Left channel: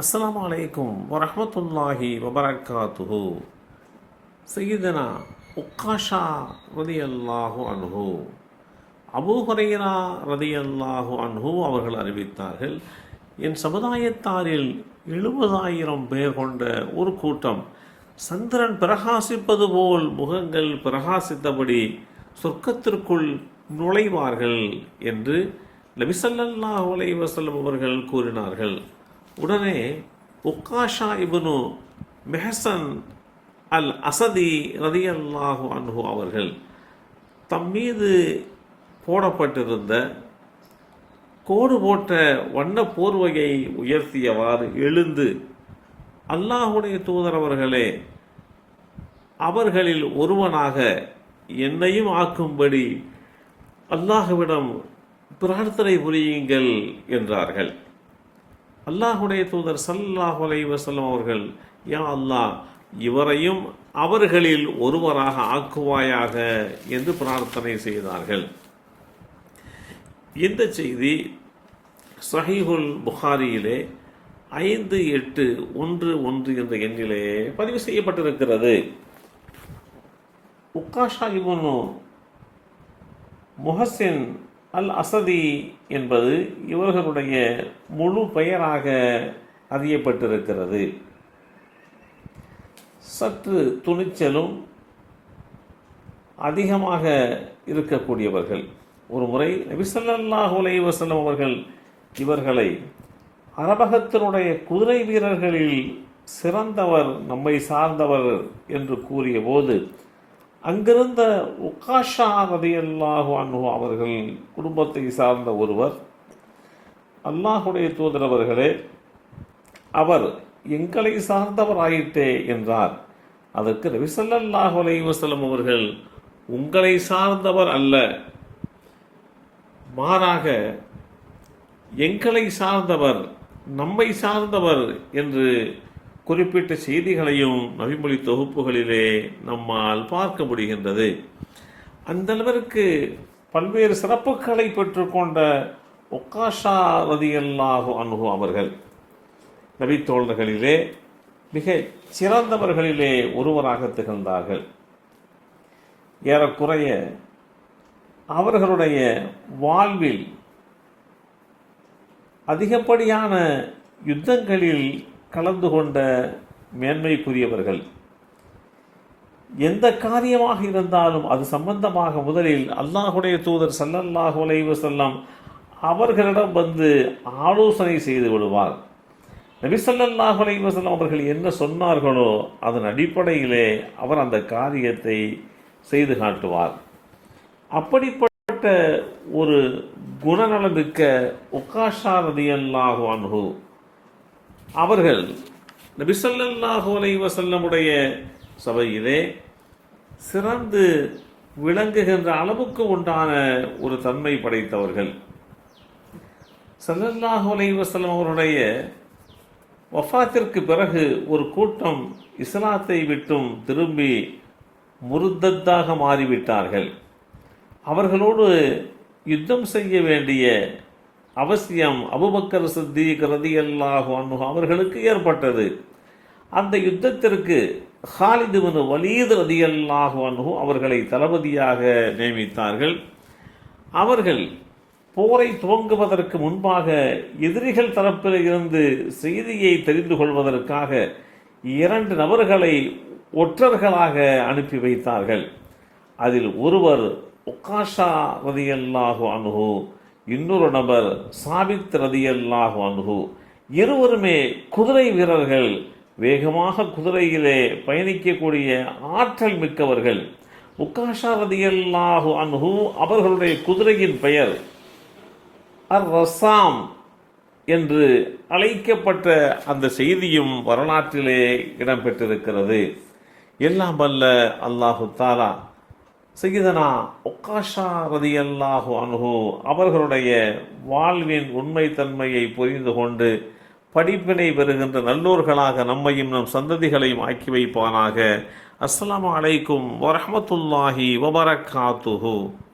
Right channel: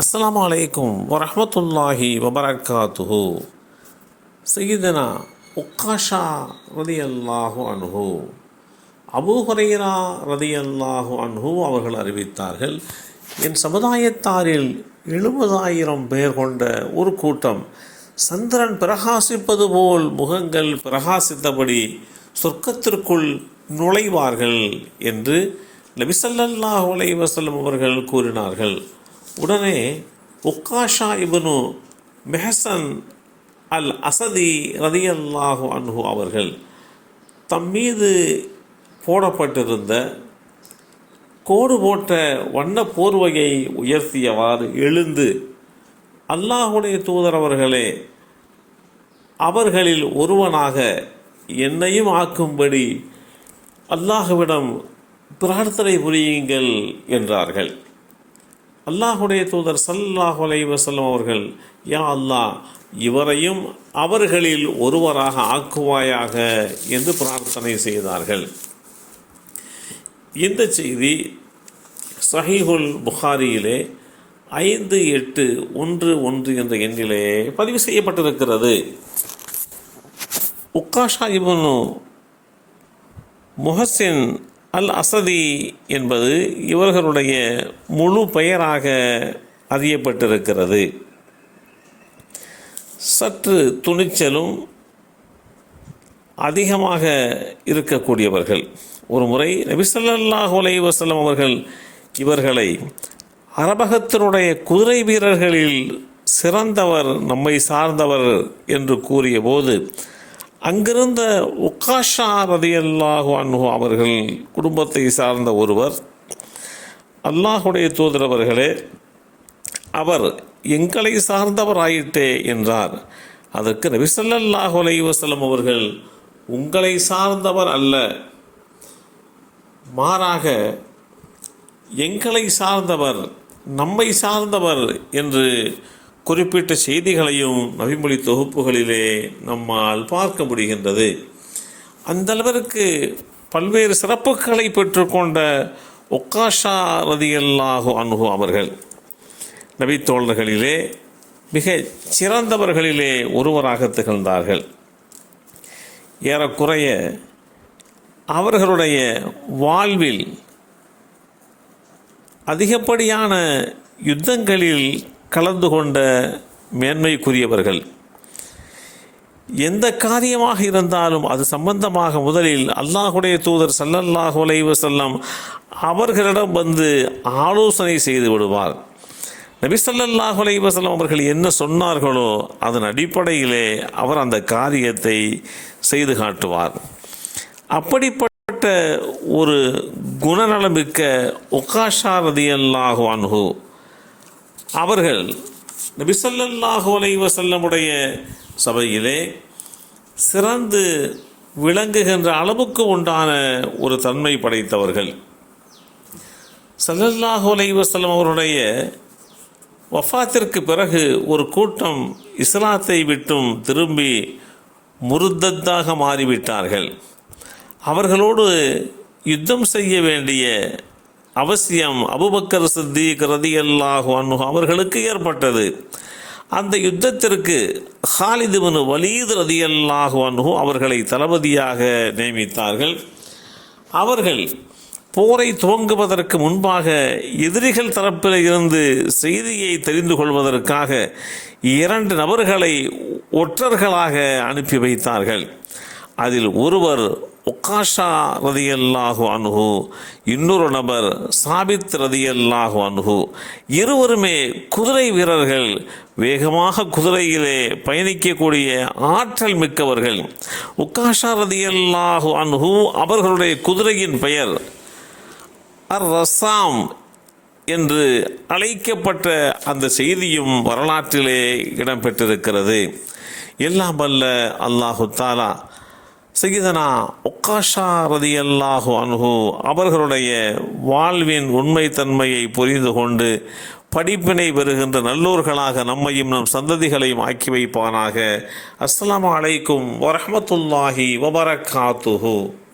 அஸ்ஸலாமு அலைக்கும் வரஹ்மத்துல்லாஹி வபரகாத்துஹு. சையதுனா உக்காஷா ரலியல்லாஹு அன்ஹு, அபூ ஹுரைரா ரலியல்லாஹு அன்ஹு அவர்கள் அறிவித்தார்கள், என் சமுதாயத்தாரில் 70,000 பேர் கொண்ட ஒரு கூட்டம் சந்திரன் பிரகாசிப்பது போல் முகங்கள் பிரகாசித்தபடி சொர்க்கத்திற்குள் நுழைவார்கள் என்று நபி ஸல்லல்லாஹு அலைஹி வஸல்லம் அவர்கள் கூறினார்கள். உடனே உக்காஷா இப்னு மெஹசன் அல் அசதி ரலியல்லாஹு அன்ஹு அவர்கள் தம் மீது போடப்பட்டிருந்த கோடு போட்ட வண்ண போர்வையை உயர்த்தியவாறு எழுந்து, அல்லாஹுடைய தூதர் அவர்களே, அவர்களில் ஒருவனாக என்னையும் ஆக்கும்படி அல்லாஹுவிடம் பிரார்த்தனை புரியுங்கள் என்றார்கள். அல்லாஹுடைய தூதர் ஸல்லல்லாஹு அலைஹி வஸல்லம் அவர்கள், யா அல்லாஹ், இவரையும் அவர்களில் ஒருவராக ஆக்குவாயாக என்று பிரார்த்தனை செய்தார்கள். இந்த செய்தி ஸஹீஹுல் புகாரியிலே 5811 என்ற எண்ணிலே பதிவு செய்யப்பட்டிருக்கிறது. உக்காஷா இப்னு முஹசின் அல் அசதி என்பது இவர்களுடைய முழு பெயராக அறியப்பட்டிருக்கிறது. சற்று துணிச்சலும் அதிகமாக இருக்கக்கூடியவர்கள். ஒரு முறை நபி ஸல்லல்லாஹு அலைஹி வஸல்லம் அவர்கள் இவர்களை அரபகத்தினுடைய குதிரை வீரர்களில் சிறந்தவர், நம்மை சார்ந்தவர் என்று கூறிய போது, அங்கிருந்த உக்காஷா ரலியல்லாஹு அன்ஹு அவர்கள் குடும்பத்தை சார்ந்த ஒருவர், அல்லாஹுடைய தூதர் அவர்களே, அவர் எங்களை சார்ந்தவர் ஆயிட்டே என்றார். அதற்கு நபி ஸல்லல்லாஹு அலைஹி வஸல்லம் அவர்கள், உங்களை சார்ந்தவர் அல்ல, மாறாக எங்களை சார்ந்தவர், நம்மை சார்ந்தவர் என்று குறிப்பிட்ட செய்திகளையும் நபிமொழி தொகுப்புகளிலே நம்மால் பார்க்க முடிகின்றது. அந்த அளவிற்கு பல்வேறு சிறப்புகளை பெற்றுக்கொண்ட உக்காஷா ரலியல்லாஹு அன்ஹு அவர்கள் நபித்தோழர்களிலே மிக சிறந்தவர்களிலே ஒருவராக திகழ்ந்தார்கள். ஏறக்குறைய அவர்களுடைய வாழ்வில் அதிகப்படியான யுத்தங்களில் கலந்து கொண்ட மேன்மைக்குரியவர்கள். எந்த காரியமாக இருந்தாலும் அது சம்பந்தமாக முதலில் அல்லாஹுடைய தூதர் ஸல்லல்லாஹு அலைஹி வஸல்லம் அவர்களிடம் வந்து ஆலோசனை செய்து விடுவார். நபி ஸல்லல்லாஹு அலைஹி வஸல்லம் அவர்கள் என்ன சொன்னார்களோ அதன் அடிப்படையிலே அவர் அந்த காரியத்தை செய்து காட்டுவார். அப்படிப்பட்ட ஒரு குணநலமிக்க உக்காஷா ரலியல்லாஹு அன்ஹு அவர்கள் நபி ஸல்லல்லாஹு அலைஹி வஸல்லமுடைய சபையிலே சிறந்து விளங்குகின்ற அளவுக்கு உண்டான ஒரு தன்மை படைத்தவர்கள். ஸல்லல்லாஹு அலைஹி வஸல்லம் அவருடைய வஃபாத்திற்கு பிறகு ஒரு கூட்டம் இஸ்லாத்தை விட்டும் திரும்பி முர்தத்தாக மாறிவிட்டார்கள். அவர்களோடு யுத்தம் செய்ய வேண்டிய அவசியம் அபூபக்கர் சித்தீக் ரலியல்லாஹு அன்ஹு அவர்களுக்கு ஏற்பட்டது. அந்த யுத்தத்திற்கு ஹாலித் இப்னு வலீத் ரலியல்லாஹு அன்ஹு அவர்களை தளபதியாக நியமித்தார்கள். அவர்கள் போரை துவங்குவதற்கு முன்பாக எதிரிகள் தரப்பில் இருந்து செய்தியை தெரிந்து கொள்வதற்காக 2 நபர்களை ஒற்றர்களாக அனுப்பி வைத்தார்கள். அதில் ஒருவர் உக்காஷா ரலியல்லாஹு அன்ஹு, இன்னொரு நபர் சாபித் ரலியல்லாஹு அன்ஹு. இருவருமே குதிரை வீரர்கள், வேகமாக குதிரையிலே பயணிக்கக்கூடிய ஆற்றல் மிக்கவர்கள். உக்காஷா ரலியல்லாஹு அன்ஹு அவர்களுடைய குதிரையின் பெயர் அர்-ரஸாம் என்று அழைக்கப்பட்ட அந்த செய்தியும் வரலாற்றிலே இடம்பெற்றிருக்கிறது. எல்லாம் வல்ல அல்லாஹு தஆலா சையதுனா உக்காஷா ரலியல்லாஹு அன்ஹு அவர்களுடைய வாழ்வின் உண்மைத்தன்மையை புரிந்து கொண்டு படிப்பினை பெறுகின்ற நல்லோர்களாக நம்மையும் நம் சந்ததிகளையும் ஆக்கி வைப்பானாக. அஸ்ஸலாமு அலைக்கும் வரஹ்மத்துல்லாஹி வபரகாத்துஹு.